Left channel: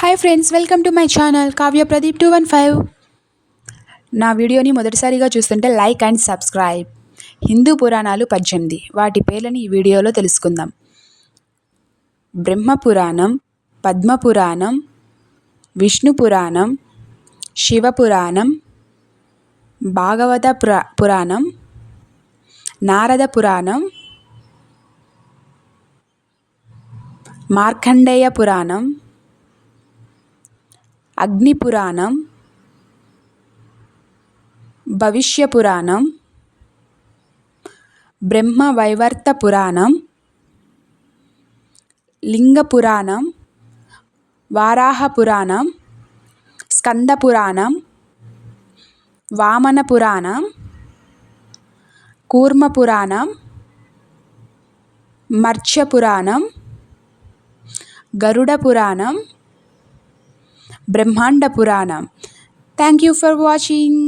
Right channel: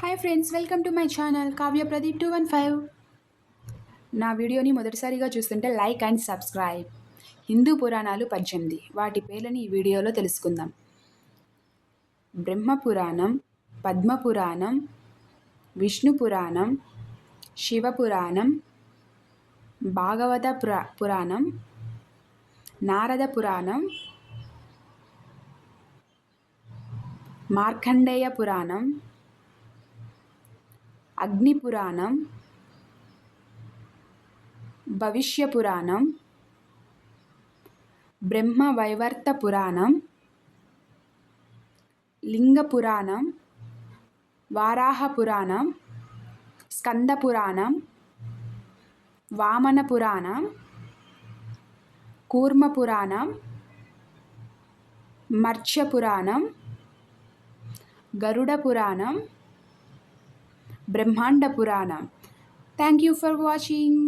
Hi friends, welcome to my channel Kavya Pradeep 215. నా వీడియోని మొదటిసారిగా చూస్తుంటే లైక్ అండ్ సబ్స్క్రైబ్. హిందూ పురాణాలు 18, వాటి పేర్లని ఈ వీడియోలో తెలుసుకుందాం. బ్రహ్మపురాణం, పద్మపురాణం, విష్ణు పురాణం, శివపురాణం, భాగవత పురాణం, నారద పురాణం, మార్కండేయ పురాణం, అగ్ని పురాణం, భవిష్య పురాణం, బ్రహ్మ వైవర్త పురాణం, లింగ పురాణం, వారాహ పురాణం, స్కంద పురాణం, వామన పురాణం, కూర్మ పురాణం, మర్త్య పురాణం, గరుడ పురాణం, బ్రహ్మాండ పురాణం. Thank you for watching.